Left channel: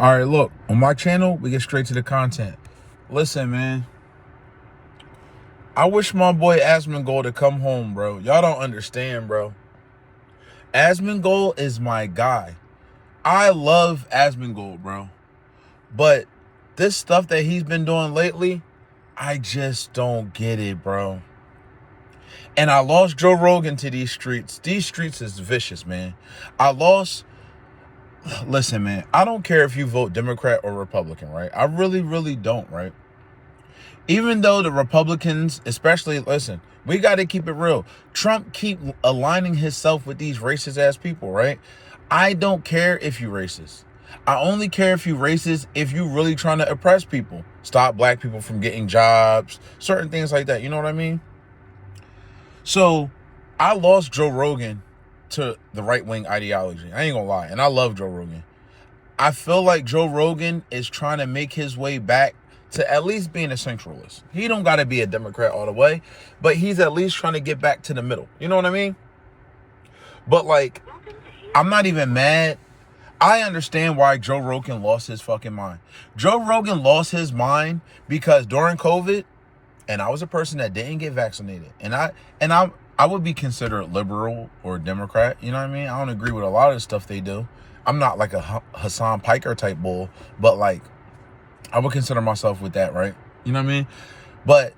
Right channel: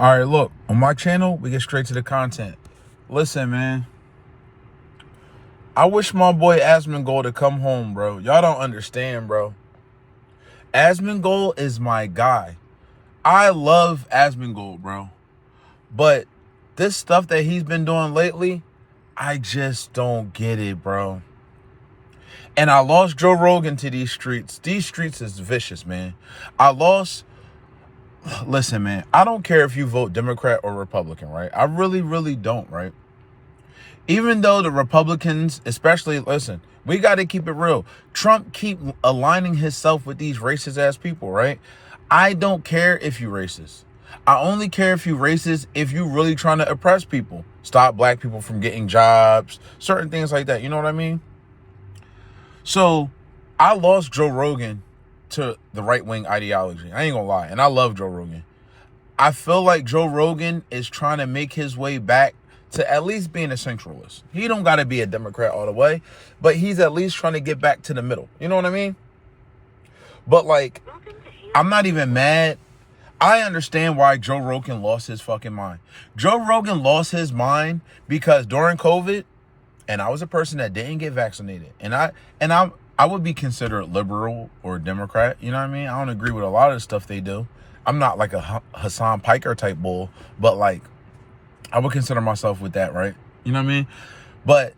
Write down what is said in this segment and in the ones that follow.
All right, look, on my channel, we get straight to the content. Listen, man. I wish my boy Asmongold to come home, bro. Y'all don't understand, bro. Asmongold is my guy. I love Asmongold, bro. But this stuff that he's been doing lately, I just don't get it, bro. And I lost Joe Rogan to these streets. These streets is vicious, man. Listen, man, I don't care if you vote Democrat or Republican, right? I really, really don't, right? Even though the Republicans, especially, listen, we got to keep it real. Trump keep aligning himself with these racist ass people, right? I don't care if you racist. I only care if you racist if you really trying to oppress people. Stop black people from getting jobs, certain things like that. You know what I mean? So I lost Joe Rogan to the right-wing ideology. I ain't gonna lie. And I love Joe Rogan. I feel like Joe Rogan is trying to make his way back to at least being a centralist. He don't got to be a Democrat all the way, but he's at least trying to get back to the middle. You know what I mean? But like, I'm not even mad. I understand why Joe Rogan lost his fucking mind. Joe Rogan lost his mind because during COVID, and I was a person that didn't get vaccinated, and I would be considered liberal or Democrat. You know what I mean? I don't agree with a lot of the stuff they do. I'm not like a Hassan Piker type bull, but like, I would consider myself with that, right? You know what I mean? But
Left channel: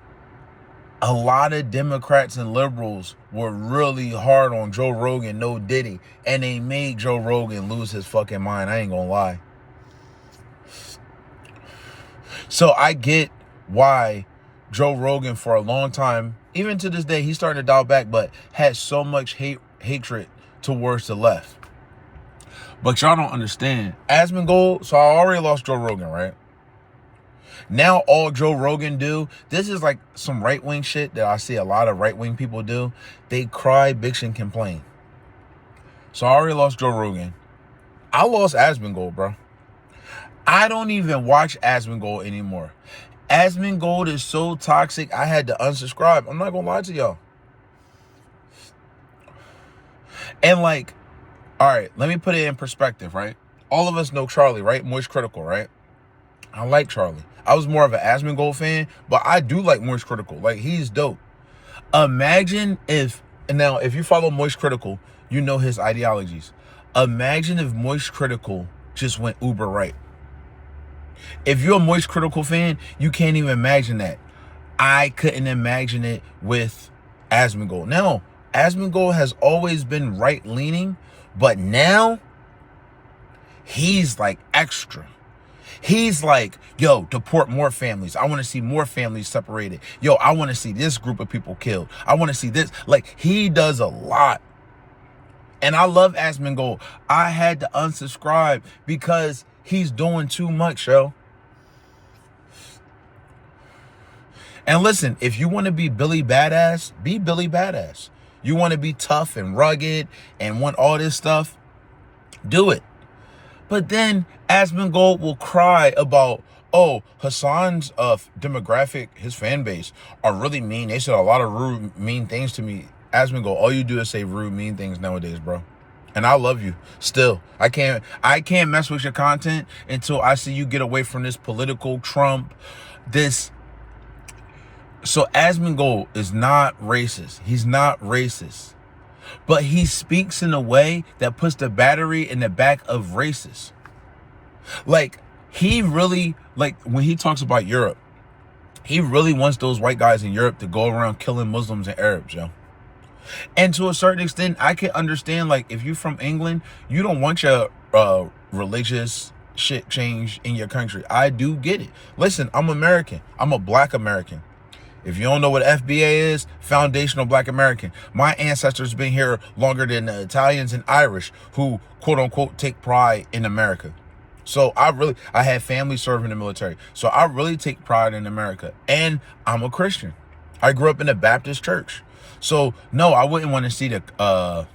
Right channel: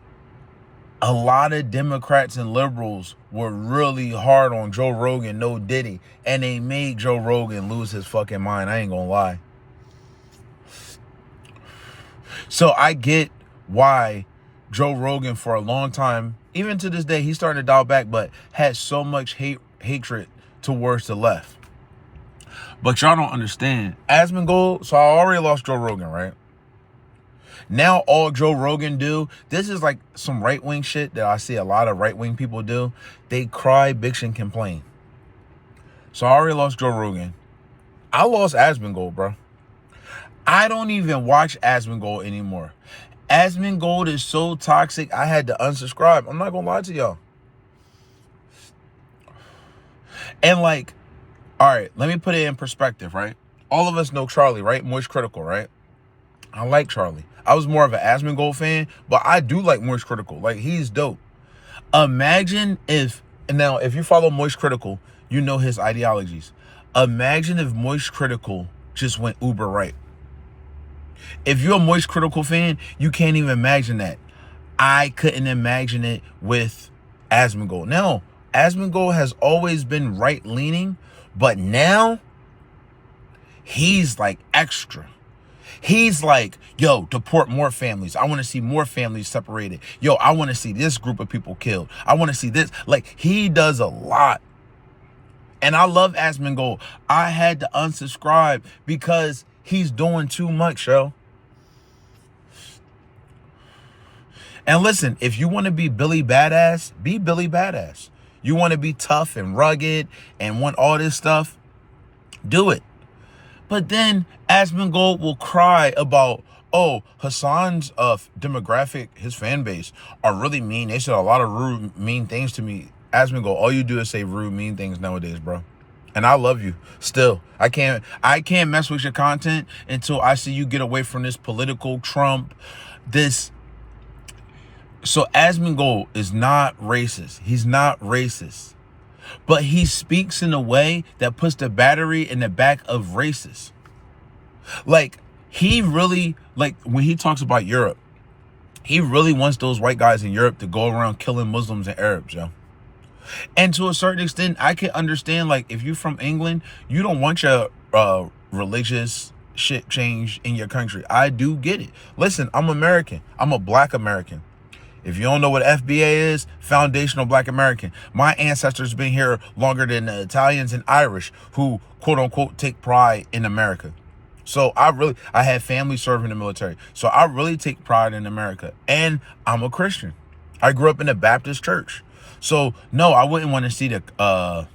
a lot of Democrats and liberals were really hard on Joe Rogan, no Diddy, and they made Joe Rogan lose his fucking mind. I ain't gonna lie. So I get why Joe Rogan for a long time, even to this day, he's starting to dial back, but had so much hatred towards the left. But y'all don't understand. Asmongold, so I already lost Joe Rogan, right? Now all Joe Rogan do, this is like some right-wing shit that I see a lot of right-wing people do. They cry, bitch, and complain. So I already lost Joe Rogan. I lost Asmongold, bro. I don't even watch Asmongold anymore. Asmongold is so toxic, I had to unsubscribe. I'm not gonna lie to y'all. And like, all right, let me put it in perspective, right? All of us know Charlie, right? Moist Critical, right? I like Charlie. I was more of an Asmongold fan, but I do like Moist Critical. Like, he's dope. Imagine if, now, if you follow Moist Critical, you know his ideologies. Imagine if Moist Critical just went uber right. If you're a Moist Critical fan, you can't even imagine that. I couldn't imagine it with Asmongold. Now, Asmongold has always been right-leaning, but now he's like extra. He's like, yo, deport more families. I want to see more families separated. Yo, I want to see this group of people killed. I want to see this. Like, he does a lot. And I love Asmongold. I had to unsubscribe because he's doing too much, yo. And listen, if you want to be Billy Badass, be Billy Badass. You want to be tough and rugged and want all this stuff, do it. But then Asmongold will cry about, oh, Hassan's demographic, his fan base, are really mean. They said a lot of rude, mean things to me. Asmongold, all you do is say rude, mean things nowadays, bro. And I love you still. I can't mess with your content until I see you get away from this political Trump, this. So Asmongold is not racist. He's not racist. But he speaks in a way that puts the battery in the back of racist. Like, he really, like, when he talks about Europe, he really wants those white guys in Europe to go around killing Muslims and Arabs, yo. And to a certain extent, I can understand, like, if you're from England, you don't want your religious shit changed in your country. I do get it. Listen, I'm American. I'm a black American. If you don't know what FBA is, Foundational Black American. My ancestors been here longer than the Italians and Irish who, quote unquote, take pride in America. So I had family serving in the military. So I really take pride in America. And I'm a Christian. I grew up in a Baptist church. So no, I wouldn't want to see the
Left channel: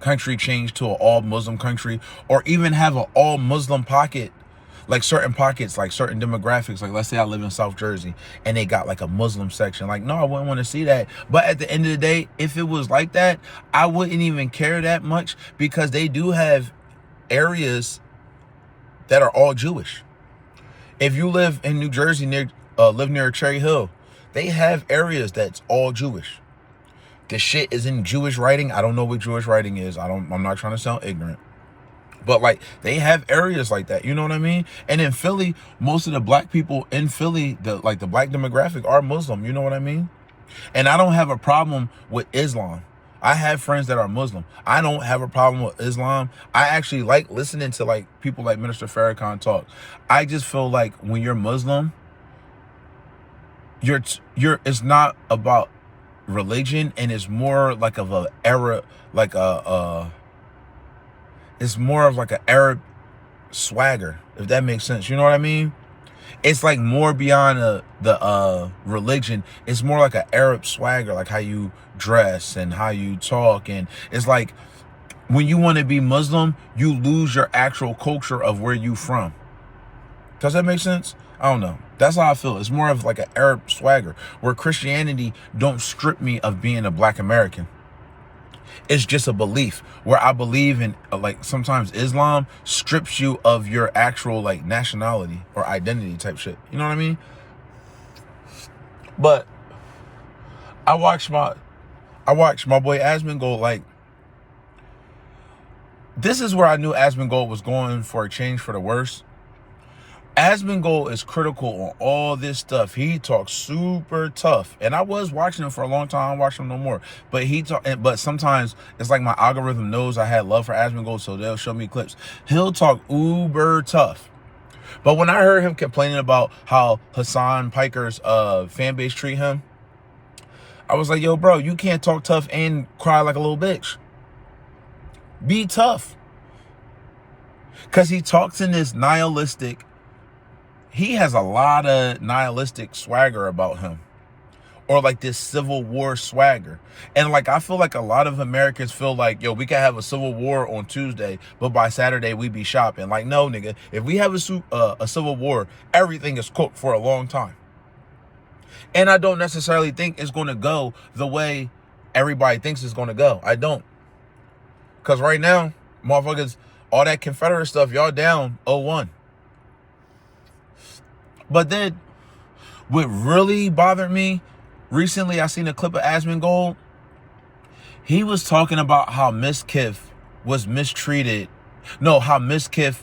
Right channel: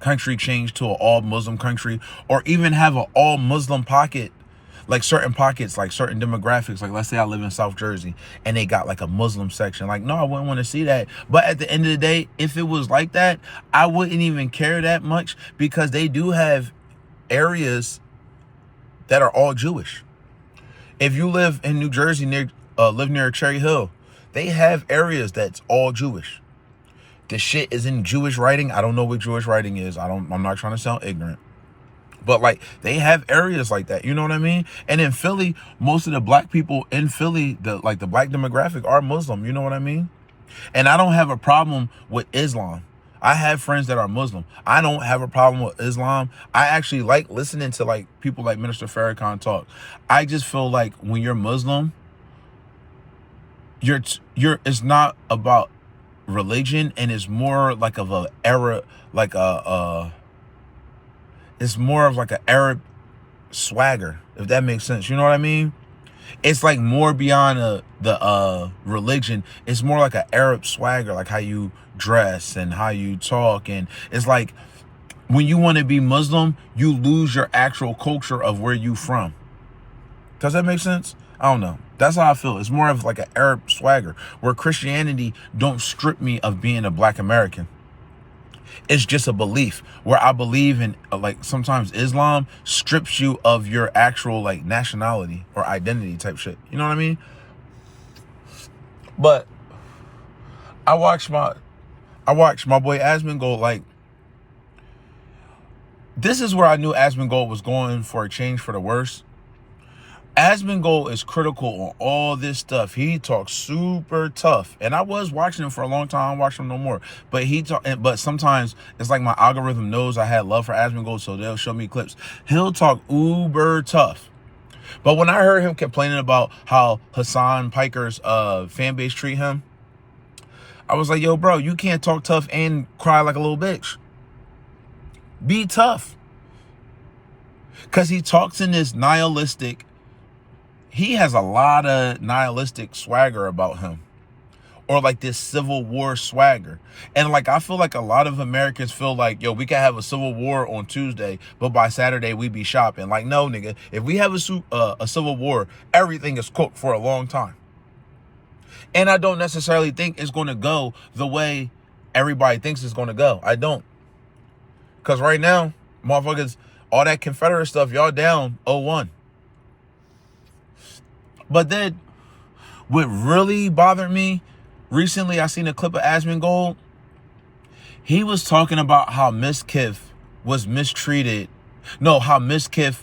country change to an all Muslim country, or even have an all Muslim pocket. Like certain pockets, like certain demographics, like let's say I live in South Jersey and they got like a Muslim section. Like, no, I wouldn't want to see that. But at the end of the day, if it was like that, I wouldn't even care that much, because they do have areas that are all Jewish. If you live in New Jersey, live near Cherry Hill, they have areas that's all Jewish. The shit is in Jewish writing. I don't know what Jewish writing is. I'm not trying to sound ignorant. But like, they have areas like that, you know what I mean? And in Philly, most of the black people in Philly, the black demographic are Muslim, you know what I mean? And I don't have a problem with Islam. I have friends that are Muslim. I don't have a problem with Islam. I actually like listening to like people like Minister Farrakhan talk. I just feel like when you're Muslim, it's not about religion, and it's more like of a era, like it's more of like an Arab swagger, if that makes sense. You know what I mean? It's like more beyond the religion. It's more like an Arab swagger, like how you dress and how you talk. And it's like when you want to be Muslim, you lose your actual culture of where you from. Does that make sense? I don't know. That's how I feel. It's more of like an Arab swagger, where Christianity don't strip me of being a black American. It's just a belief, where I believe in, like, sometimes Islam strips you of your actual like nationality or identity type shit. You know what I mean? But I watched my boy Asmongold. Like, this is where I knew Asmongold was going for a change for the worse. Asmongold is critical on all this stuff. He talks super tough, and I was watching him for a long time. I don't watch him no more, but sometimes it's like my algorithm knows I had love for Asmongold, so they'll show me clips. He'll talk uber tough, but when I heard him complaining about how Hassan Piker's fan base treat him, I was like, yo, bro, you can't talk tough and cry like a little bitch. Be tough, because he talks in this nihilistic. He has a lot of nihilistic swagger about him, or like this Civil War swagger. And like, I feel like a lot of Americans feel like, yo, we can have a civil war on Tuesday, but by Saturday we be shopping. Like, no, nigga, if we have a civil war, everything is cooked for a long time. And I don't necessarily think it's going to go the way everybody thinks it's going to go. I don't. Because right now, motherfuckers, all that Confederate stuff, y'all down 0-1. But then, what really bothered me, recently I seen a clip of Asmongold. He was talking about how Miss Kiff was mistreated. No, how Miss Kiff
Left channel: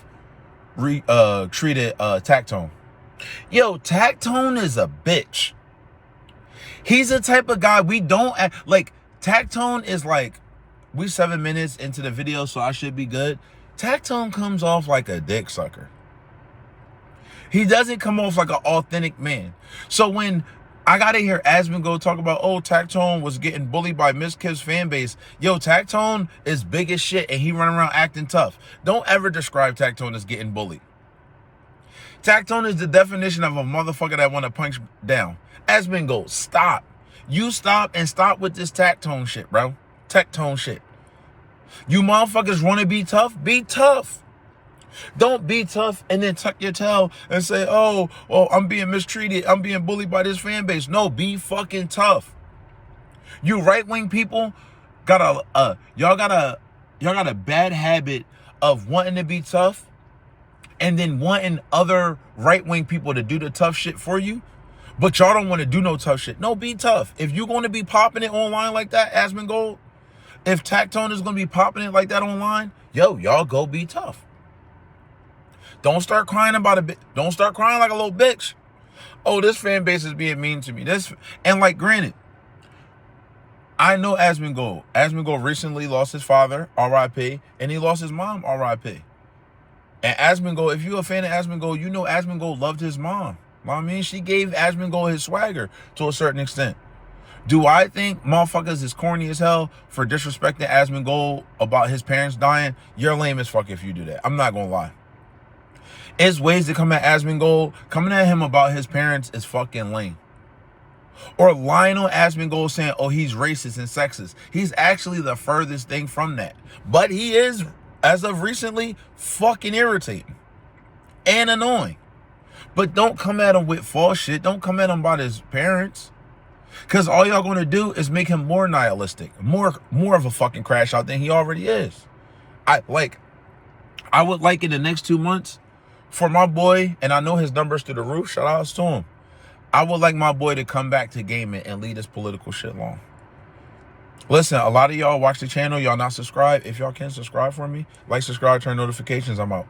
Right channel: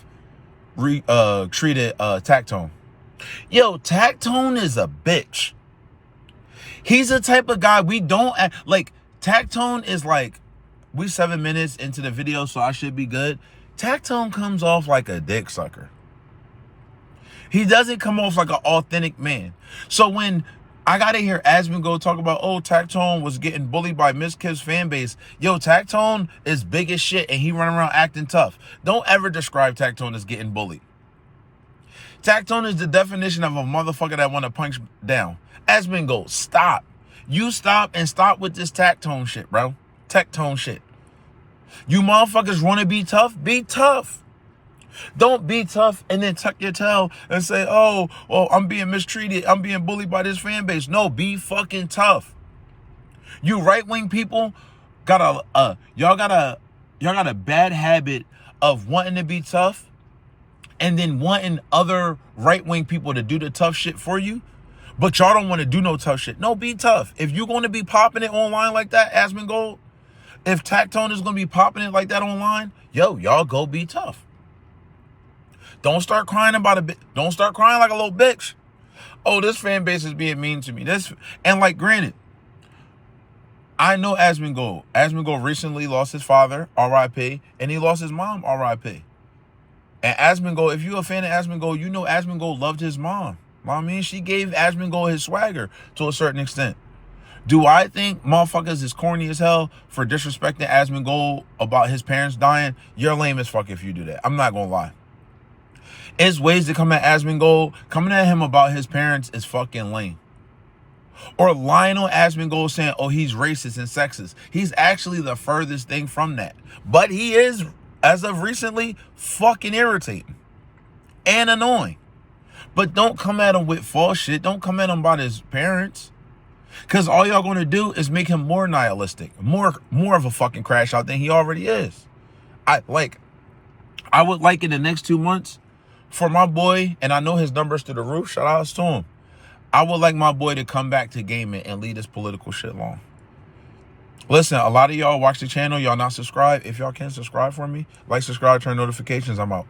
treated Tactone. Yo, Tactone is a bitch. He's the type of guy we don't like. Tactone is like, we 7 minutes into the video, so I should be good. Tactone comes off like a dick sucker. He doesn't come off like an authentic man. So when I gotta hear Asmongold talk about, oh, Tactone was getting bullied by Miss Kiff's fan base. Yo, Tactone is big as shit, and he run around acting tough. Don't ever describe Tactone as getting bullied. Tactone is the definition of a motherfucker that want to punch down. Asmongold, stop. You stop and stop with this Tactone shit, bro. Tactone shit. You motherfuckers want to be tough? Be tough. Don't be tough and then tuck your tail and say, oh, I'm being mistreated. I'm being bullied by this fan base. No, be fucking tough. You right-wing people y'all got a bad habit of wanting to be tough and then wanting other right-wing people to do the tough shit for you. But y'all don't want to do no tough shit. No, be tough. If you're going to be popping it online like that, Asmongold, if Tactone is going to be popping it like that online, yo, y'all go be tough. Don't start crying about a bit. Don't start crying like a little bitch. Oh, this fan base is being mean to me. And like, granted, I know Asmongold. Asmongold recently lost his father, R.I.P., and he lost his mom, R.I.P. And Asmongold, if you're a fan of Asmongold, you know Asmongold loved his mom. I mean, she gave Asmongold his swagger to a certain extent. Do I think motherfuckers is corny as hell for disrespecting Asmongold about his parents dying? You're lame as fuck if you do that. I'm not gonna lie. It's ways to come at Asmongold. Coming at him about his parents is fucking lame. Or lying on Asmongold saying, oh, he's racist and sexist. He's actually the furthest thing from that. But he is, as of recently, fucking irritating and annoying. But don't come at him with false shit. Don't come at him about his parents. Because all y'all going to do is make him more nihilistic. More of a fucking crash out than he already is. I would like in the next 2 months for my boy, and I know his numbers through the roof, shout outs to him. I would like my boy to come back to gaming and leave this political shit alone. Listen, a lot of y'all watch the channel, y'all not subscribed. If y'all can subscribe for me, like, subscribe, turn notifications, I'm out.